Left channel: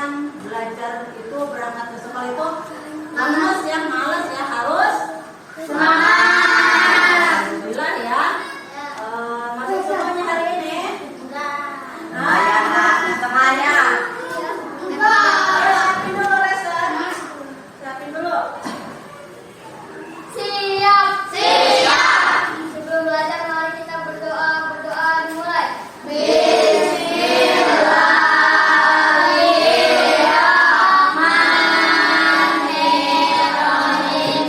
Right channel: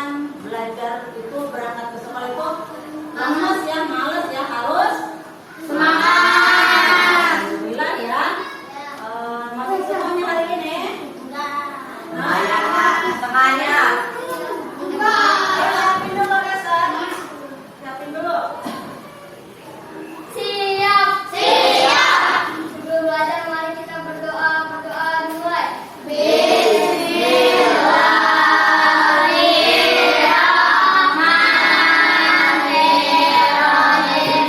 kan belajar itu berangkat ke sekolah itu lemes ya, males ya, harus semangat. Alhamdulillah ya. Masuk semuanya hari ini? Enggak. Semuanya. Siapin dulu Reza. Siapin dulu. Siap. Sebelum belajar mari kita berdoa dimulai. Bismillahirrahmanirrahim.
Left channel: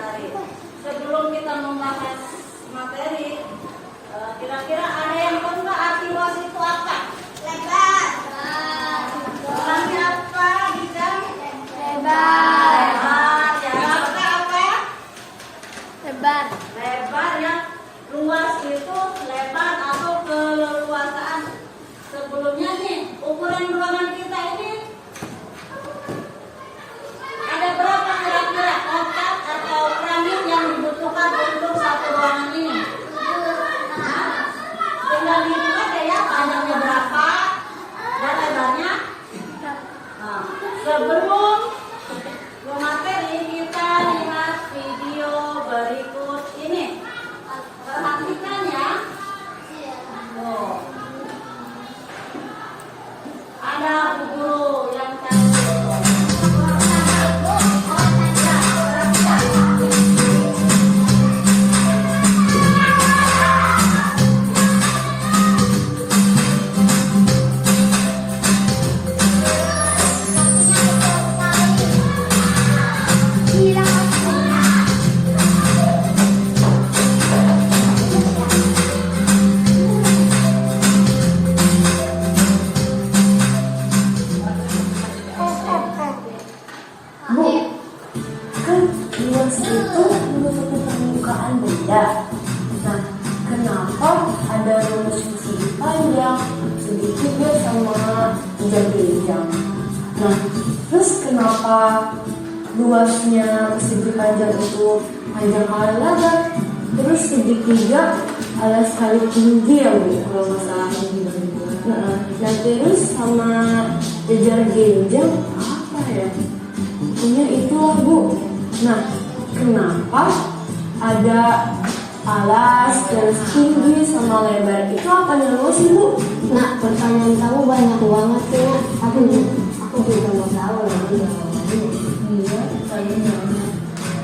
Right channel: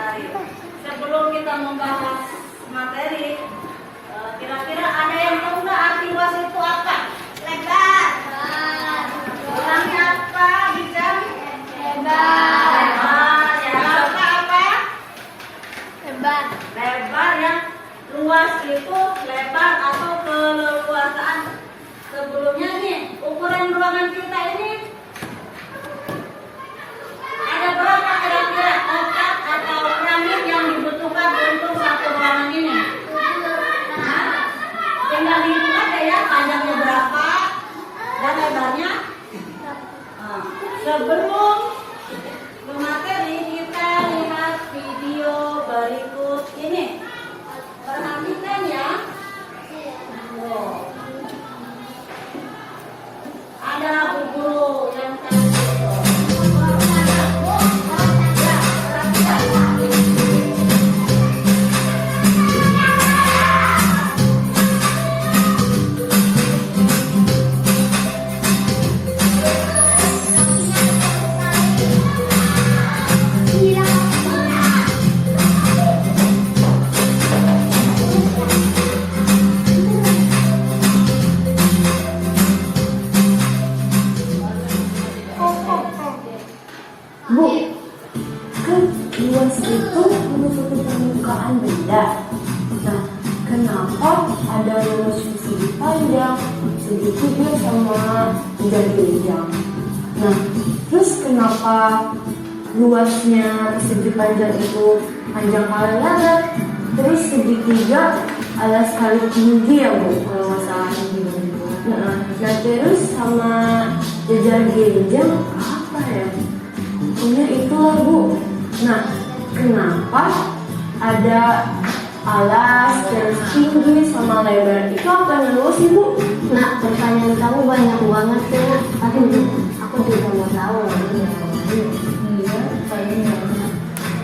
menarik. Sebelum kita membahas materi, kira-kira ada yang tahu nggak arti luas itu apa? Lebar. Orangnya apa? Bisa? Lebar. Lebar. Ya, Raka apa? Lebar. Lebar ya. Luas itu lebar atau keleluasaan. Sebelumnya nih, ukuran ruangan kita ini ada berapa kira-kira kotak atau piramid yang dibutuhkan untuk satu ruangan ini? Hah? Tinggal dihitung aja ya, panjangnya berapa dan lebarnya. Nah, sebelum ke materi, kita lihat video berikut ini. Perhatikan ya. Tuh. Ada Bu Guru yang tadi. Bu, kan luas itu menutupi permukaan benda. Nah, kenapa ada rumus yang segi panjang, sedikitnya sama menjadi panjang? Nah, terus kenapa luasnya segi panjang itu panjang kali lebar, terus segitiga alas kali tinggi ya Bu, kalau nggak salah. Nah, terus sama jajar genjang apa ya? Pokoknya itulah Bu. Nah, kenapa ada alas terus tinggi sama lebar itu apa dulu sih Bu? Nah, pertanyaan kamu banyak banget tuh. Aduh, aku juga mau tahu lagi yang lain. Iya, kayaknya banyak.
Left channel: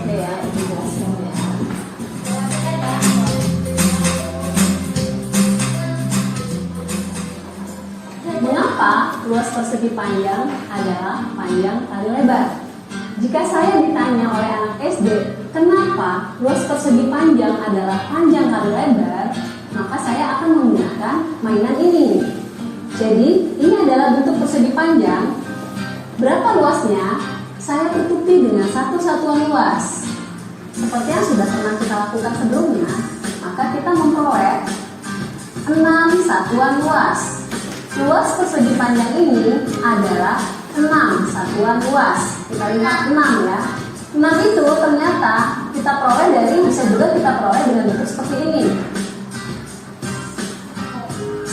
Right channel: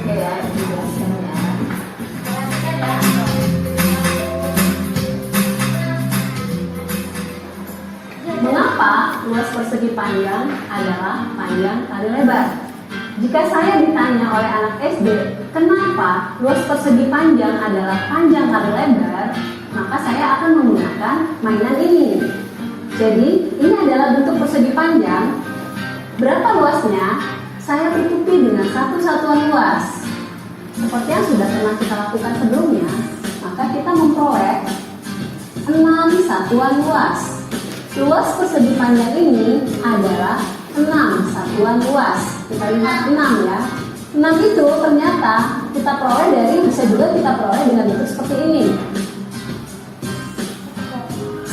Ya, dijelaskan ya. Mengapa luas persegi panjang adalah panjang kali lebar? Jika saya ditanya oleh anak SD, kenapa luas persegi panjang adalah panjang kali lebar, maka saya akan menggunakan mainan ini. Jadi, ini adalah bentuk persegi panjang. Berapa luasnya? Saya tutupi dengan satu satuan luas. Seperti yang sudah pernah kita lakukan sebelumnya, maka kita memperoleh 6 satuan luas. Luas persegi panjang ini adalah 6 satuan luas. Kita lihat 6 ya. 6 itu ternyata kita peroleh bisa juga kita peroleh dengan bentuk seperti ini.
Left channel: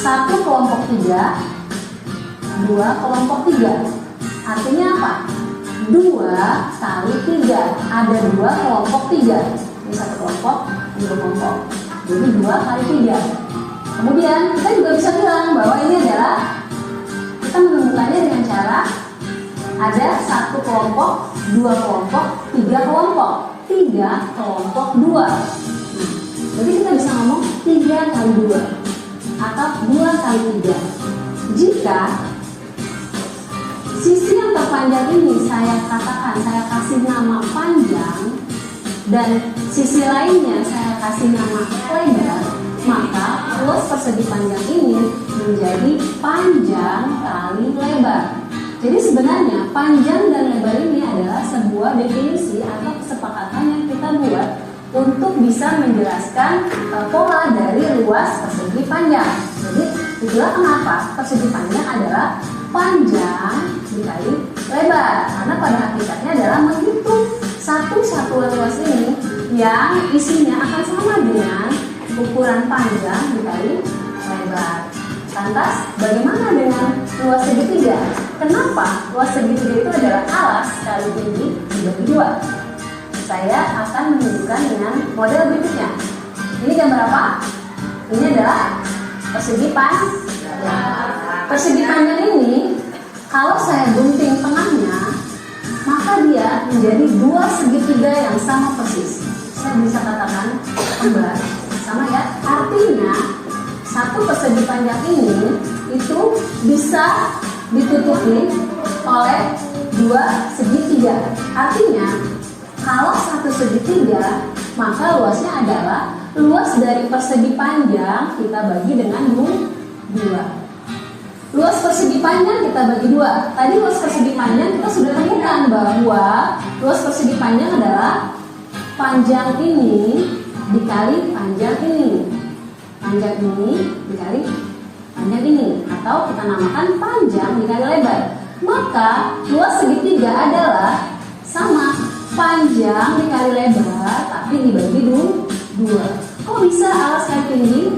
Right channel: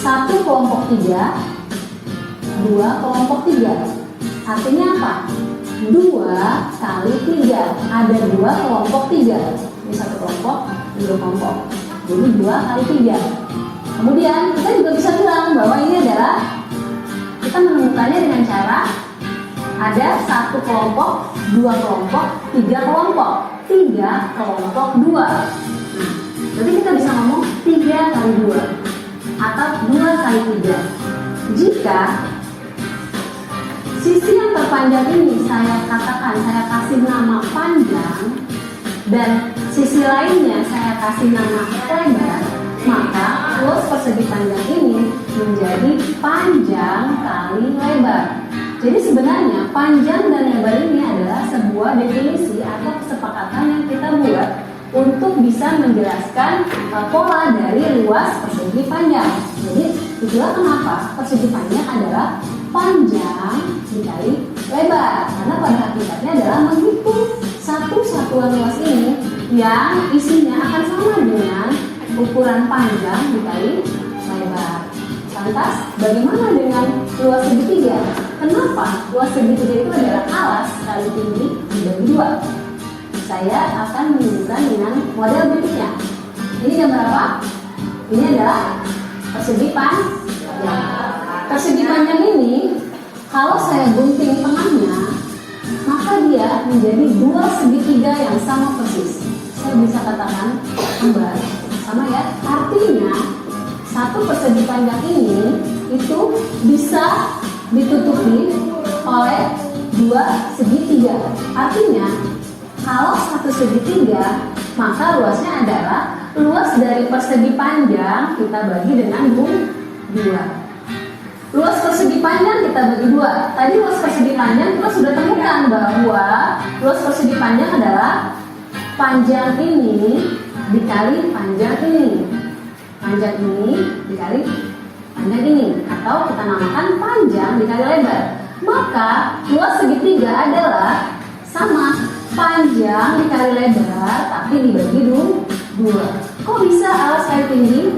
1 kelompok 3, 2 kelompok 3. Artinya apa? 2 kali 3. Ada 2 kelompok 3. Ini 1 kelompok, 2 kelompok. Jadi 2 kali 3. Kemudian kita juga bisa bilang bahwa ini adalah kita menemukannya dengan cara ada 1 kelompok, 2 kelompok, 3 kelompok. 3 kelompok 2. Jadi kita bisa ngomong 3 kali 2 atau 2 kali 3. Jika sisi yang terpanjang ini saya kasih nama panjang dan sisi lainnya saya kasih nama lebar, maka luas persegi panjang ini menjadi panjang kali lebar. Jadi sebenarnya panjang dan lebar ini adalah sebuah definisi atau kesepakatan yang kita buat untuk bisa menjelaskan pola dari luas persegi panjang. Jadi itulah kenapa persegi panjang adalah panjang dikali lebar, karena pada hakikatnya adalah menghitung satu satuan luas ini yang isinya akan sama dengan ukuran panjang dikali lebar. Lantas bagaimana dengan luas segitiga? Kenapa luas segitiga itu adalah alas kali tinggi dibagi 2? Saya akan menunjukkan dengan model berikutnya. Ini gambar apa? Ini adalah persegi panjang. Persegi panjang ini kalau saya gunting tengahnya, maka dia menjadi 2 segitiga yang sama persis. Saya bisa katakan kembar, sama ya. Artinya satu persegi panjang ini itu bisa ditutupi oleh 2 segitiga. Artinya Kalau satu segitiga, maka luasnya adalah luas dari persegi panjang kita bagi dengan 2. Luas persegi panjang kita bagi 2. Tadi luas persegi panjang kita sudah temukan bahwa luas persegi panjang adalah panjang ini dikali panjang ini. Panjang ini dikali panjang ini, atau kita namakan panjang dikali lebar. Maka luas segitiga adalah sama panjang dikali lebar tapi dibagi 2. Kok bisa alas kali tinggi?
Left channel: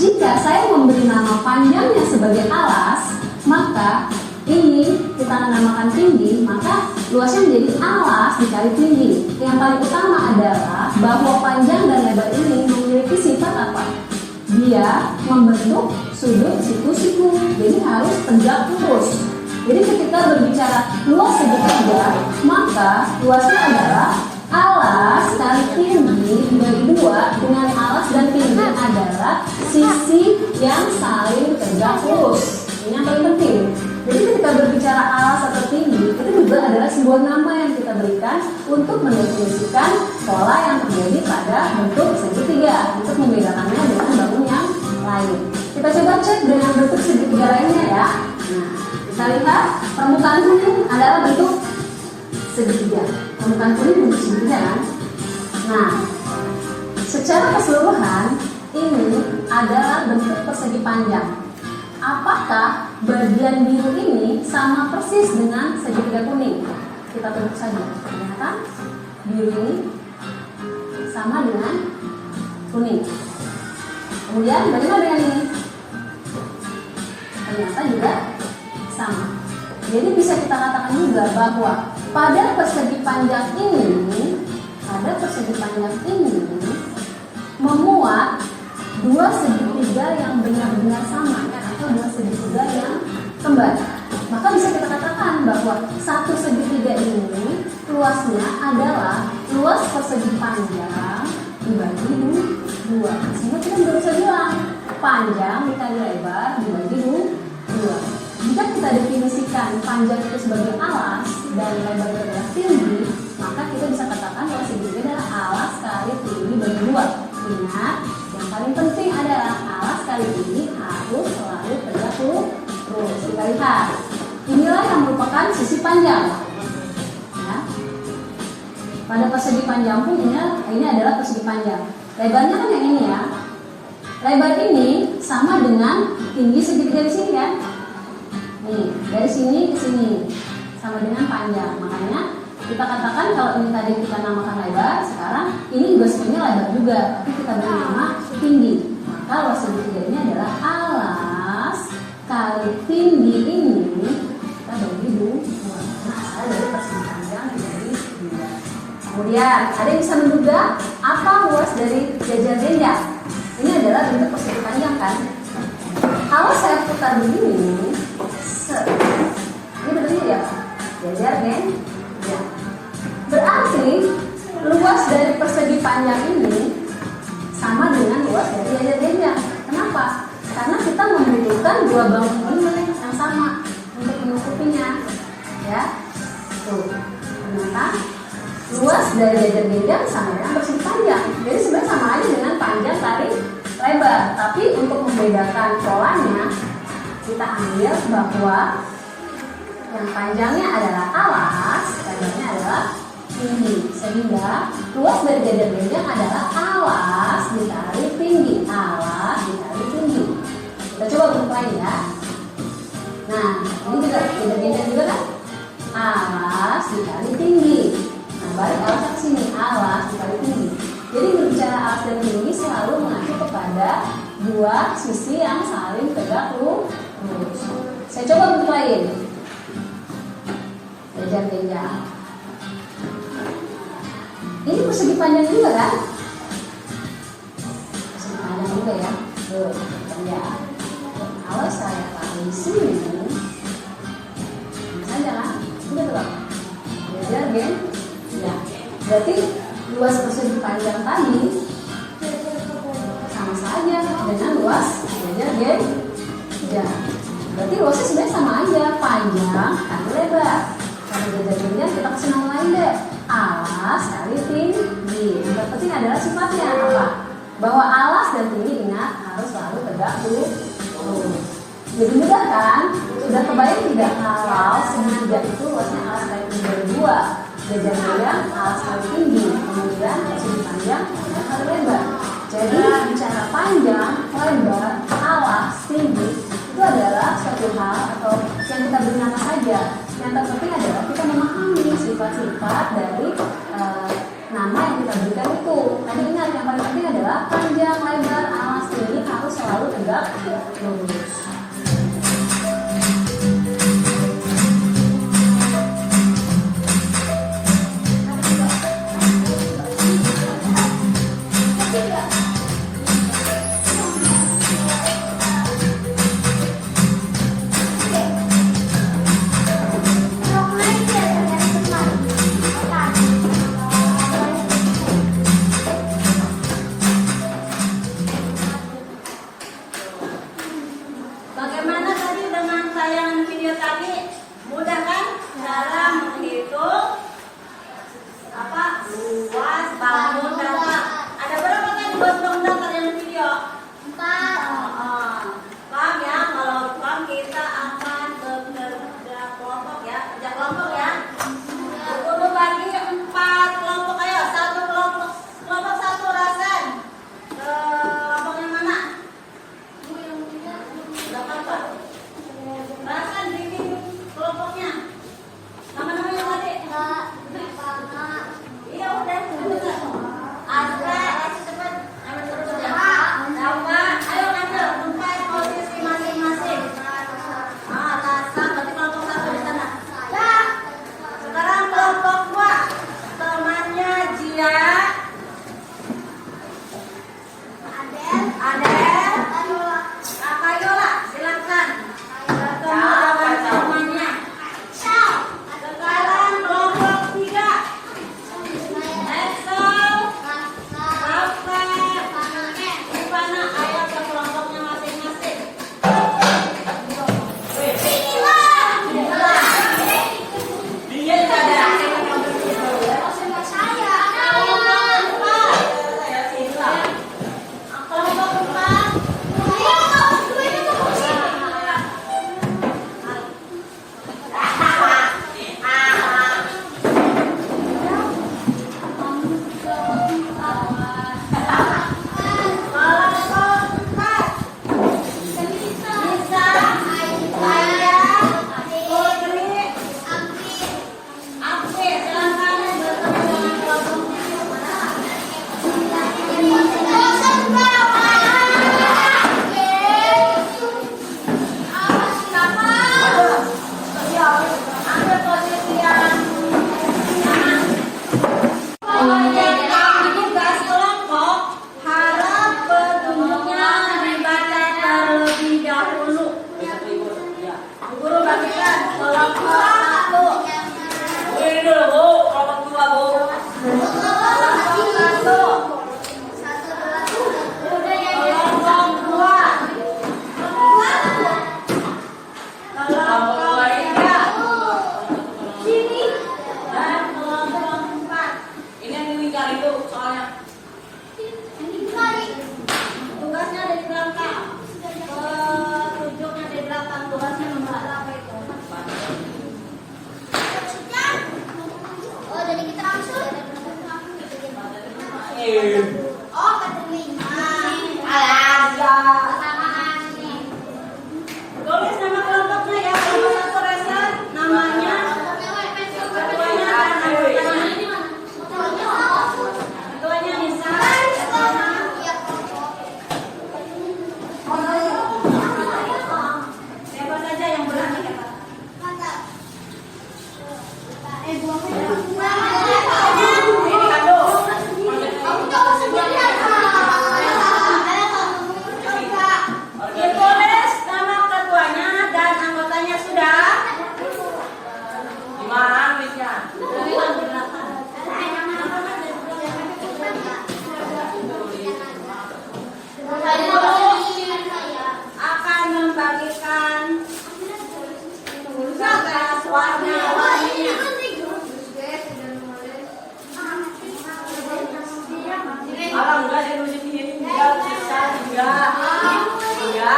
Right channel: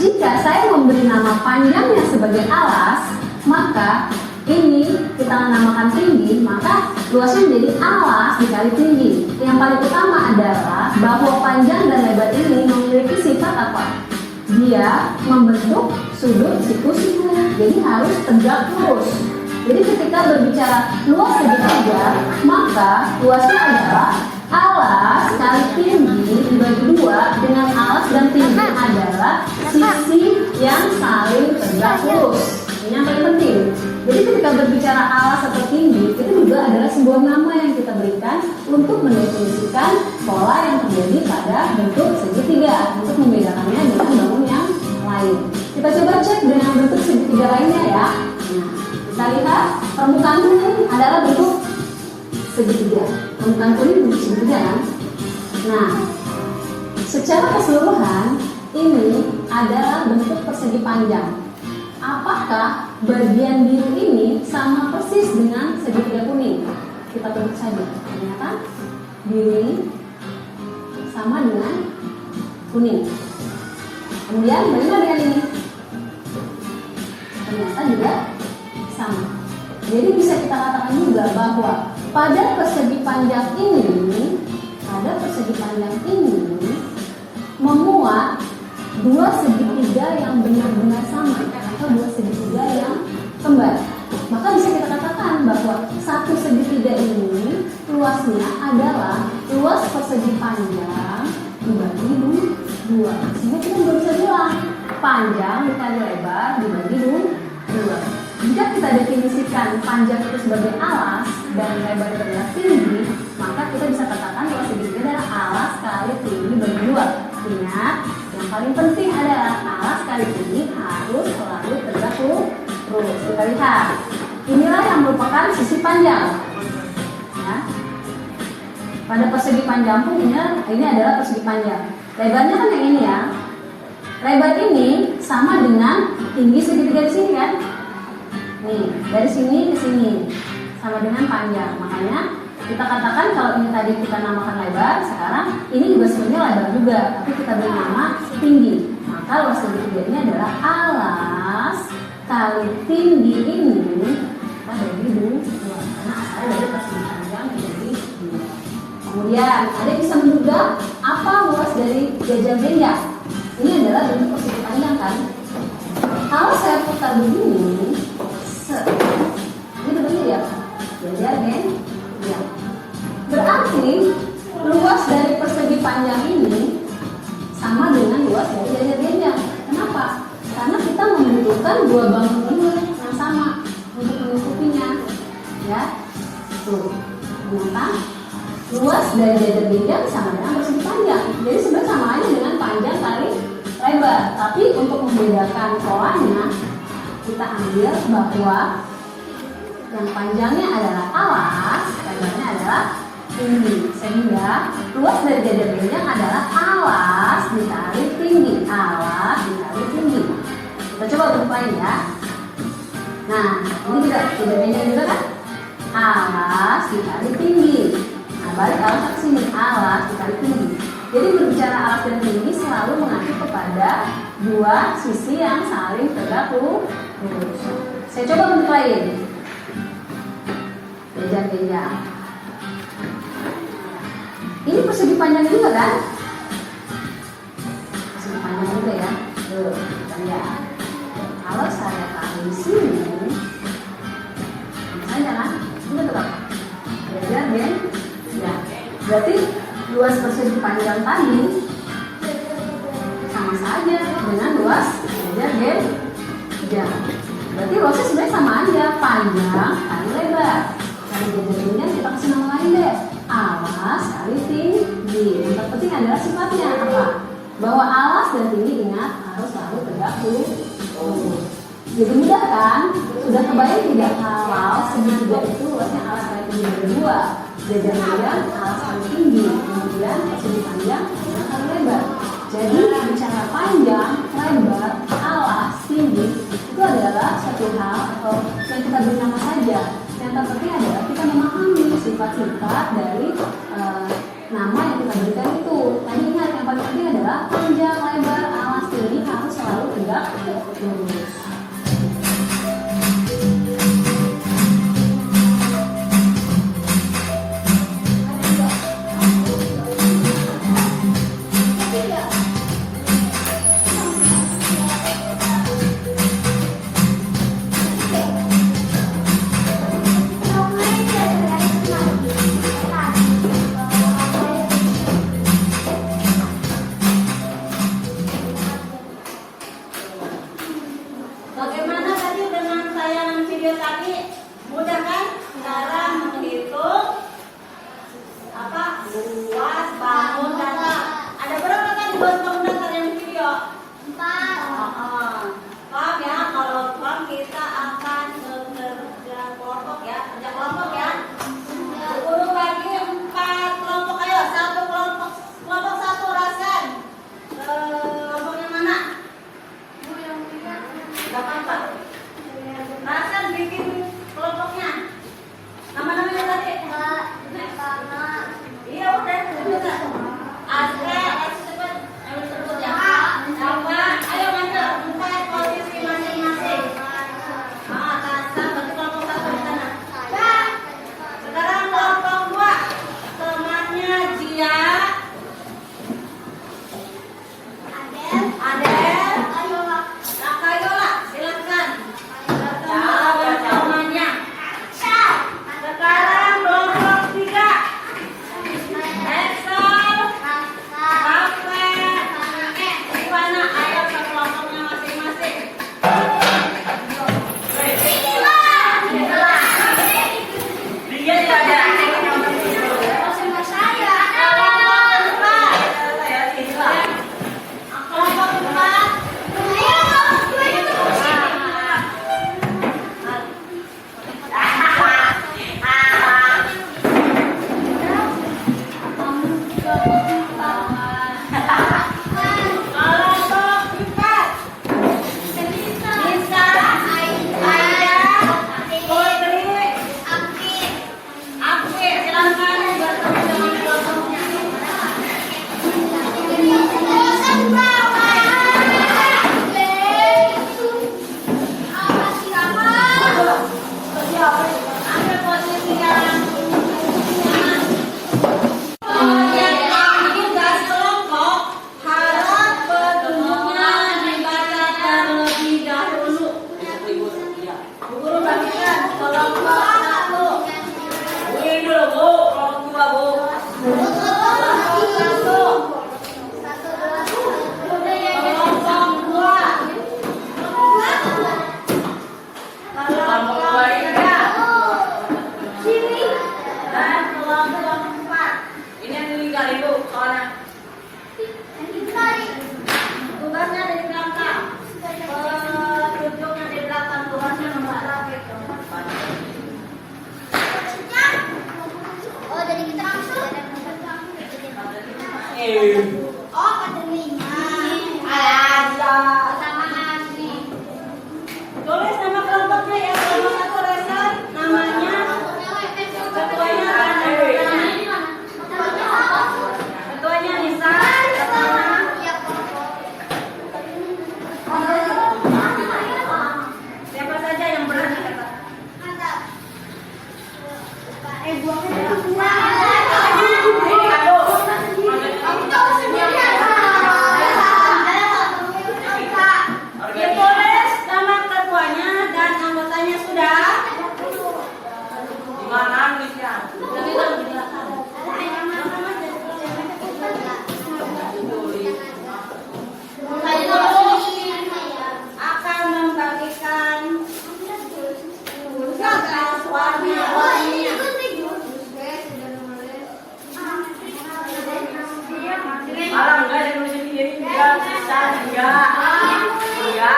Jika saya memberi nama panjangnya sebagai alas, maka ini kita namakan tinggi, maka luasnya menjadi alas dikali tinggi. Yang paling utama adalah bahwa panjang dan lebar ini memiliki sifat apa? Dia membentuk sudut siku-siku, jadi harus tegak lurus. Jadi ketika berbicara luas segitiga, maka luasnya adalah alas kali tinggi dibagi 2 dengan alas dan tinggi adalah sisi yang saling tegak lurus. Ini yang paling penting. Jadi ketika berbicara alas atau tinggi, itu juga adalah sebuah nama yang kita berikan untuk mendefinisikan pola yang terjadi pada bentuk segitiga, untuk membedakannya dengan bangun yang lain. Kita coba cek dengan bentuk segitiga lainnya ya. Nah, kita lihat permukaan kuning adalah bentuk segitiga. Permukaan kuning bentuk segitiga kan? Nah, secara keseluruhan ini adalah bentuk persegi panjang. Apakah bagian biru ini sama persis dengan segitiga kuning? Kita tunggu saja. Ternyata biru ini sama dengan kuning. Kemudian bagaimana dengan ini? Ternyata juga sama. Jadi bisa kita katakan juga bahwa pada persegi panjang ini memuat 2 segitiga yang benar-benar sama atau 2 segitiga yang kembar. Maka bisa kita katakan bahwa satu segitiga ini luasnya adalah luas persegi panjang dibagi 2. Sehingga kita bisa bilang panjang dikali lebar dibagi 2. Jika kita definisikan panjang itu sebagai alas dan lebar itu adalah tinggi, maka kita bisa katakan bahwa segitiga adalah alas kali tinggi bagi 2. Ingat, yang paling penting adalah alas kali tinggi harus selalu tegak lurus. Kita lihat, inilah yang merupakan sisi panjang. Ya. Pada persegi panjang pun ini adalah persegi panjang. Lebarnya kan yang ini ya. Lebar ini sama dengan tinggi segitiga di sini kan. Nih, dari sini ke sini sama dengan panjang. Makanya kita katakan kalau ini tadi kita namakan lebar, sekarang ini juga sebenarnya lebar juga, tapi kita beri nama tinggi. Maka luas segitiga ini adalah alas kali tinggi ini kita bagi 2 karena asalnya dari persegi panjang menjadi 2. Kemudian ada yang bisa menduga apa luas dari jajar genjang? Ini adalah bentuk persegi panjang kan? Kalau saya putar begini, ini bentuknya ya, jajar genjang. Berarti luas dari persegi panjang ini sama dengan luas dari jajar genjang. Kenapa? Karena kita membutuhkan 2 bangun ini yang sama untuk menutupinya. Ya, tuh, ternyata luas dari jajar genjang sama dengan persegi panjang. Jadi sebenarnya sama aja dengan panjang kali lebar. Tapi untuk membedakan polanya, kita ambil bahwa yang panjangnya adalah alas, lebarnya adalah tinggi. Sehingga luas dari jajar genjang adalah alas dikali tinggi. Alas dikali tinggi. Kita coba bentuk lain ya. Nah, ini juga jajar genjang juga kan? Alas dikali tinggi. Nah, balik alas ke sini, alas dikali tinggi. Jadi berbicara alas dan tinggi selalu mengacu kepada 2 sisi yang saling tegak lurus. Saya coba bentuk lain. Jajar genjang. Ini persegi panjang juga kan? Persegi panjang juga ya. Tuh, panjang. Kalau saya taruh di sini, saja kan? Juga tetap jajar genjang. Berarti luas persegi panjang tadi sama saja dengan luas jajar genjang. Berarti luasnya sebenarnya sama aja, panjang kali lebar. Kalau jajar genjang kita kasih nama lain deh, alas kali tinggi. Yang terpenting adalah sifatnya apa? Bahwa alas dan tinggi ingat harus selalu tegak lurus. Jadi mudah kan? Sudah kebayang tidak kalau segitiga itu luasnya alas kali tinggi dari 2. Jajar-jajar alas kali tinggi, kemudian persegi panjang, panjang kali lebar. Jadi bicara panjang, lebar, alas, tinggi itu adalah satu hal atau yang kita beri nama saja. Yang terpenting adalah kita memahami sifat-sifat dari nama yang kita berikan itu. Tapi ingat yang paling penting adalah panjang, lebar, alas, tinggi harus selalu tegak lurus. Bagaimana tadi dengan tayangan video tadi? Mudah kan? Cara menghitung luas bangun data. Ada berapa tadi bangun data dan video? 4. Paham ya? Kalau paham kita akan bekerja kelompok ya, kerja kelompok ya. Guru bagi 4 kelompok, ayo satu kelompok, kelompok 1 Rasen. Kelompok yang mana? Gak apa-apa. Rasen bikin kelompoknya. Nama-namanya tadi? Iya udah. Asra, cepet. Yang berikutnya. Apa? Ayo ngambil 4 posisi masing-masing. Tasam berarti kelompok 1 di sana. Sekarang kelompok 2. Temannya Jia, Adel, Akayola, silakan. Bertemu dengan temannya. Sekarang kelompok 3. Excel, Rafe, Ivana, ayo ke kelompoknya masing-masing. Tugasnya ada di belakang. Petunjuknya di belakang. Tugasnya nomor berapa itu? Oh, jadi kita langsung. Oh, keterima. Samaan nih. Tulis nama kelompoknya ya. Kelompok 1 Rasen. Namanya. Ketuanya kan? Ketuanya Nisa. Siapa saja yang berani kata? Buangnya. Ini kado. Enggak. Iya.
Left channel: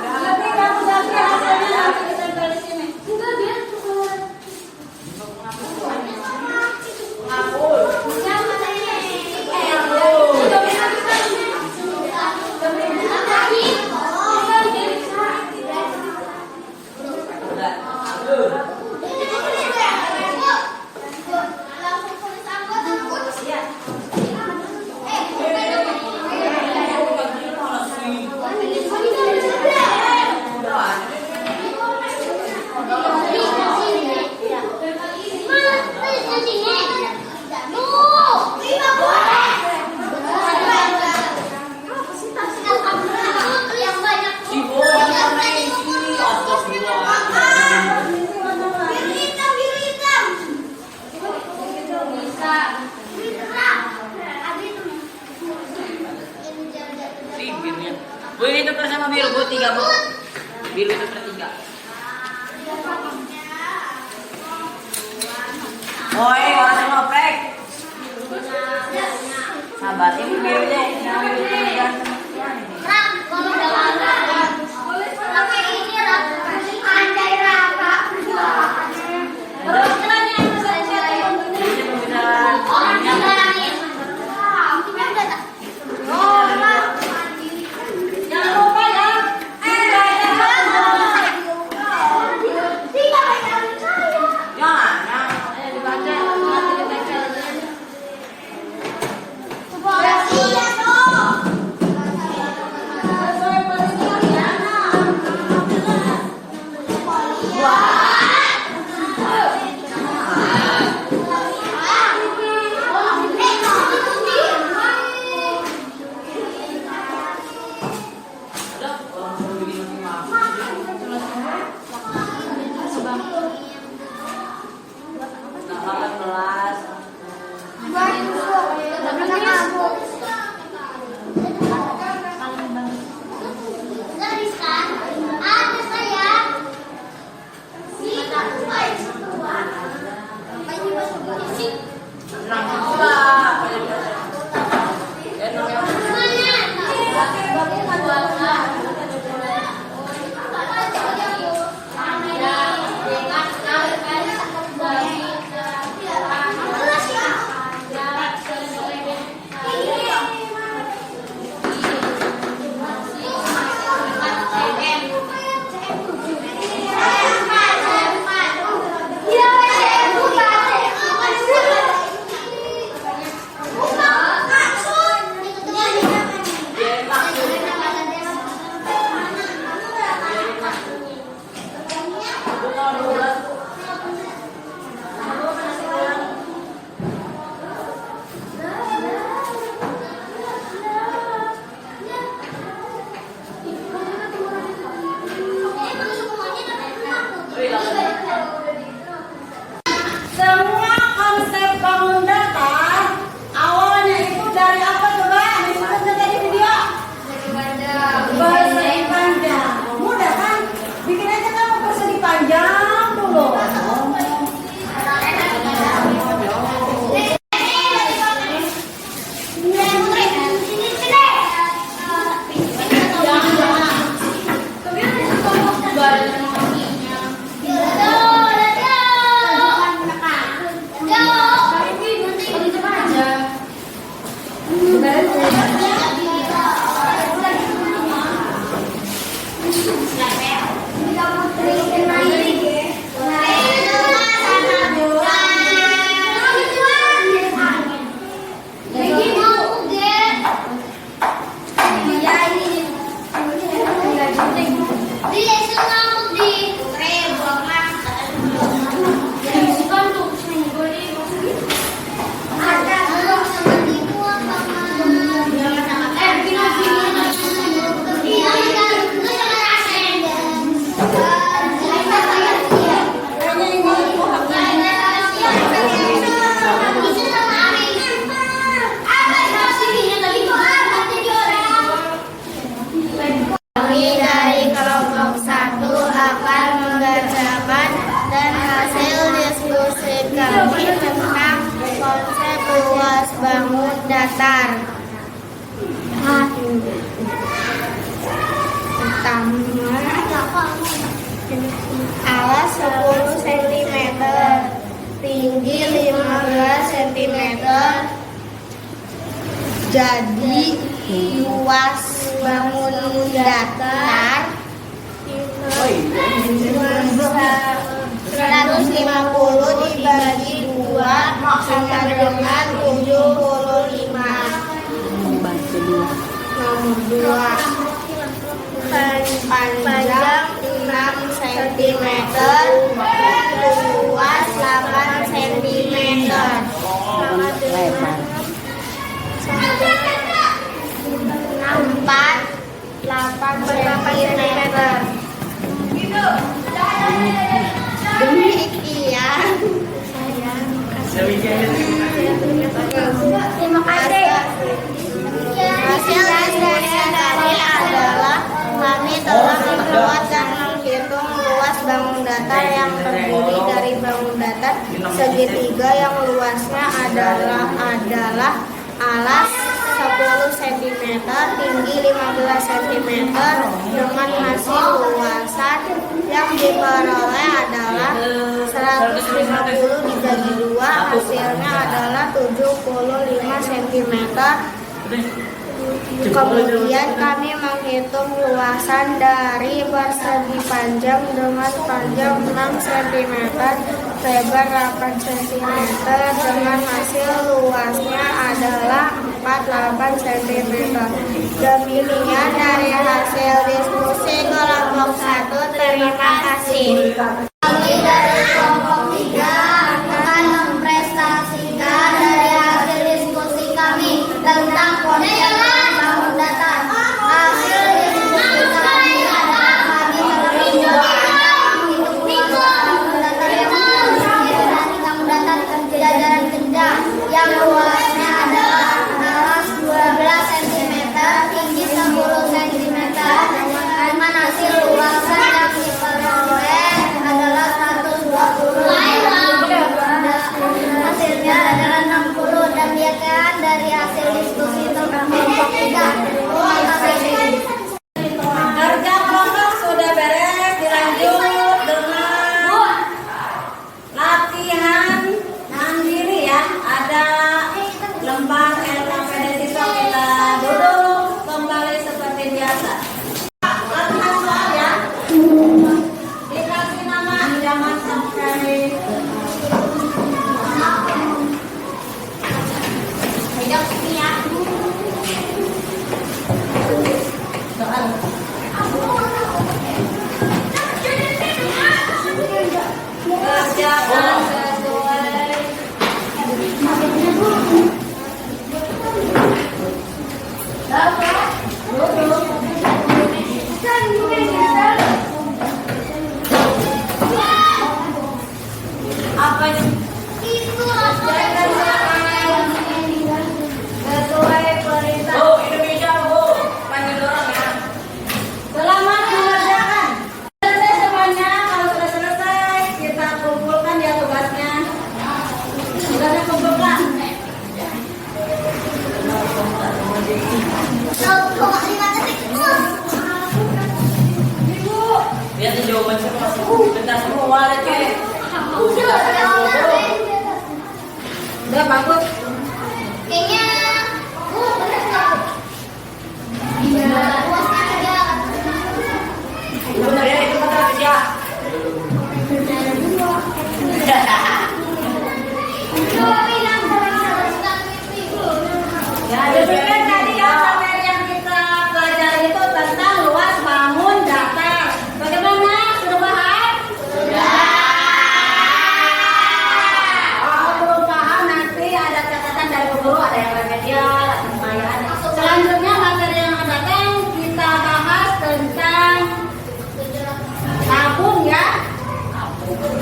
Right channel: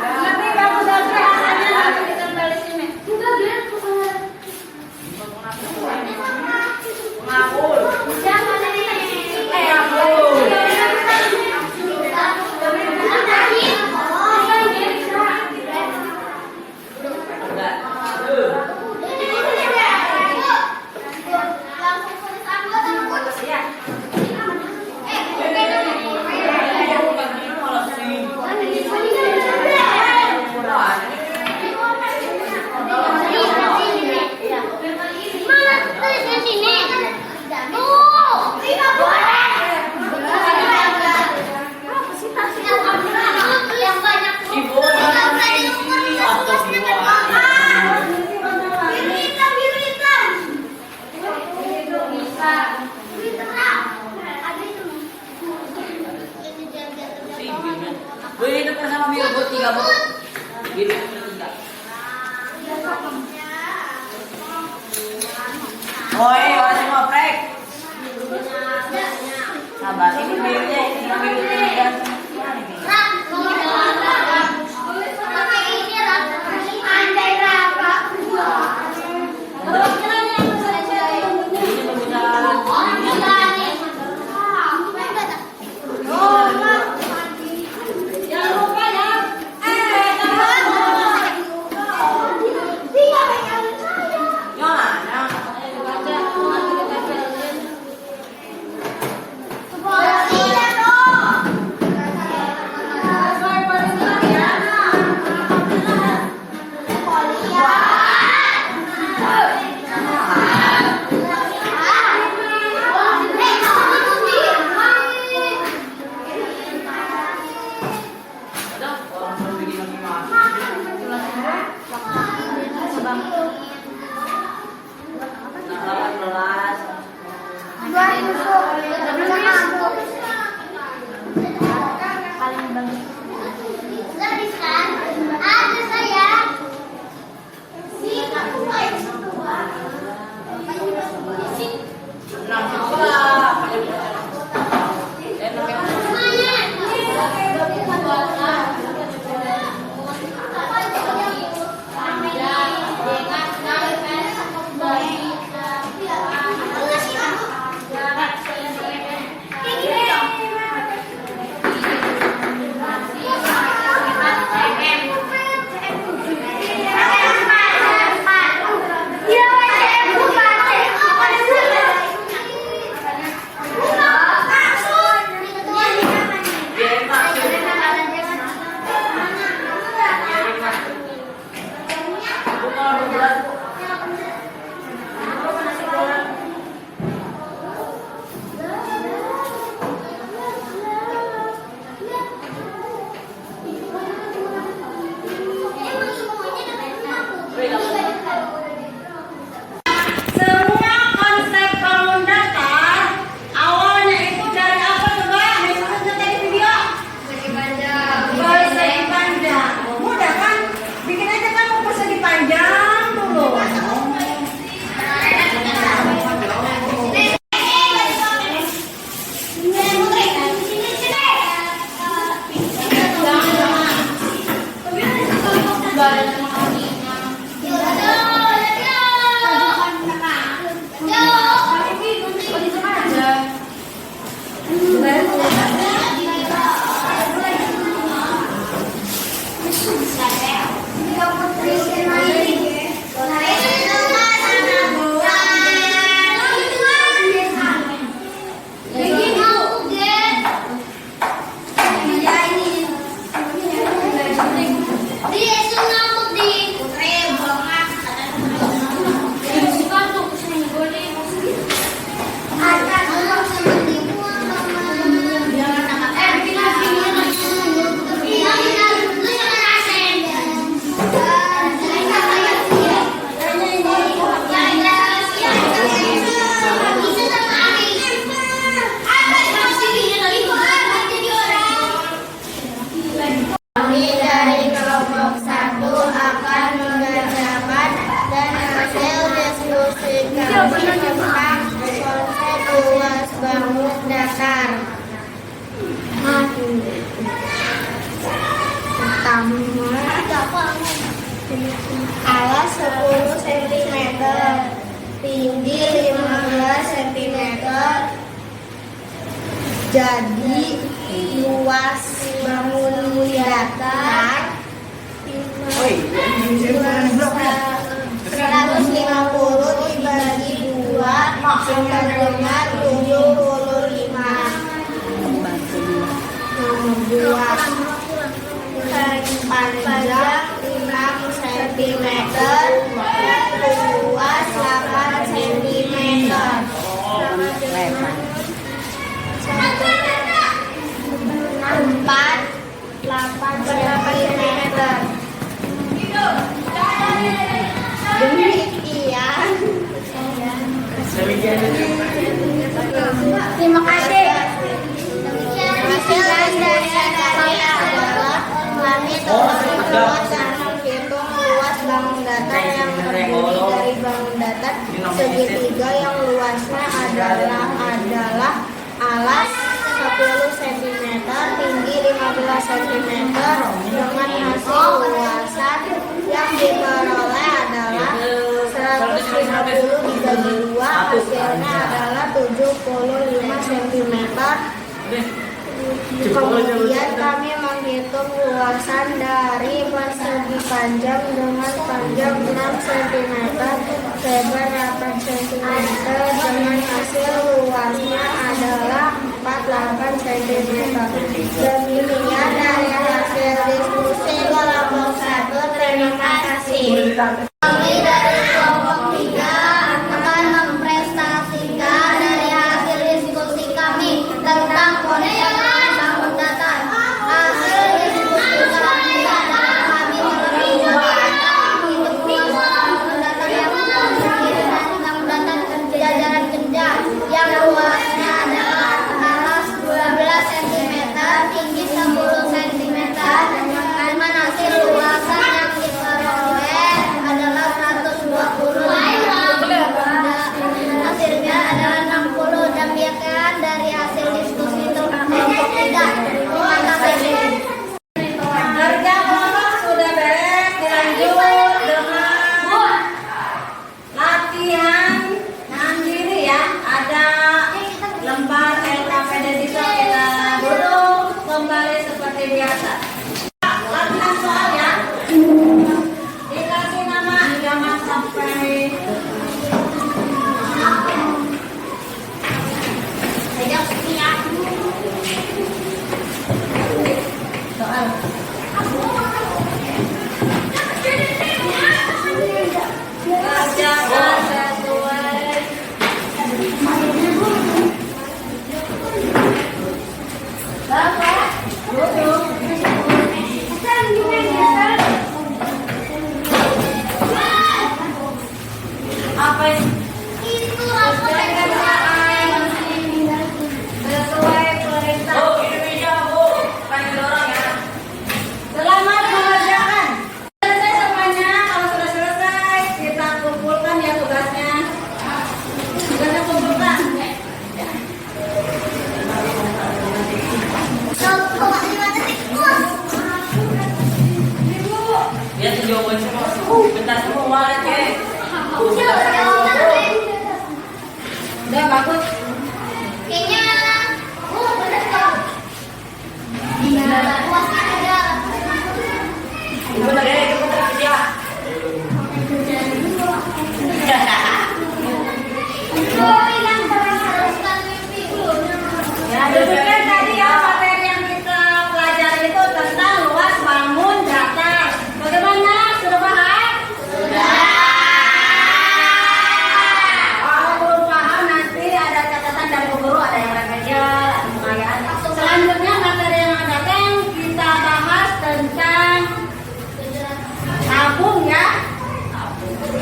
Tapi kamu dasar hasilnya nanti kita balik sini. Ngapul. Bu, ini tuker sama biru, Bu. 3, Bu. Biru tuker 3. Oi, orang yang ngoprek. Sabar, ini birunya. Yang biru 3. Semua konsep bangun dasar awalnya itu dari apa coba? Misalnya tadi video persegi panjang. Mudah kan? Bikin aja kamu persegi panjang dulu. Bangun datar. Pertama, alas 10 cm, tinggi 15 cm. Jadi luas bangunan datar 150 dibagi 2 sama dengan 75. Nomor 2, panjang 6 cm, luas 8 cm, sama dengan 8 cm. Demikian. Terima kasih. Hasil dari adalah kami telah membuat dan menghitung luas bangun datar yang terdiri dari bangun datar segitiga yang luasnya adalah alas 10 cm, tinggi 15 cm, dengan hasil luasan yang diperoleh adalah 150 dibagi 2, hasilnya adalah 75 cm. Kemudian kami menghitung luasan dari persegi panjang dengan panjang 6 cm, lebar 8 cm, dengan hasil luasnya adalah 48 cm. Demikian dari hasil diskusi kelompok 1. Terima kasih. Kami dari kelompok 3 akan mempresentasikan dari hasil diskusi kami tentang konsep bangun datar. Hasil diskusi kami adalah kami telah menghitung luas bangun datar yang terdiri dari bangun datar jajaran kerja yang luasnya adalah alas 12 cm, tinggi 10 cm, dengan hasil luasan yang diperoleh adalah 120. Hasilnya adalah 60. Demikian dari hasil diskusi tentang kelompok 3. Terima kasih. Kerja kelompok sudah beres, dilanjut dengan latihan mandiri ya. Ada lembar LKPD siswa, kita duduk kembali seperti biasa. Latihan soal ya. Dikasih nama, jangan sampai pegang sini ya. Soal. Kerjakan sesuai. Bapak, duduk. Apa itu? Kerjakan soal sesuai perintah. Selamat mengerjakan. Selesai semuanya. Kalau sudah selesai, kita kumpulkan ya tugasnya. Tugasnya kumpulkan. Lihat tuh jawaban semua. Bentar semua walet ke. Udah bagus. Ibu lagi ada kita kerja. Ya, demikian tadi ya materi yang kita pelajari itu tentang luas bangun datar. Bagaimana? Sudah paham? Sudah. Kalau belum paham nanti ada catatan dari guru, ada yang remedial, selanjutnya materi yang akan datang kita bahas tentang tabung ya.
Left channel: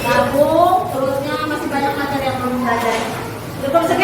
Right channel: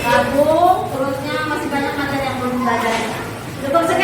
Tabung, terusnya masih banyak materi yang belum belajar. Cukup sekian.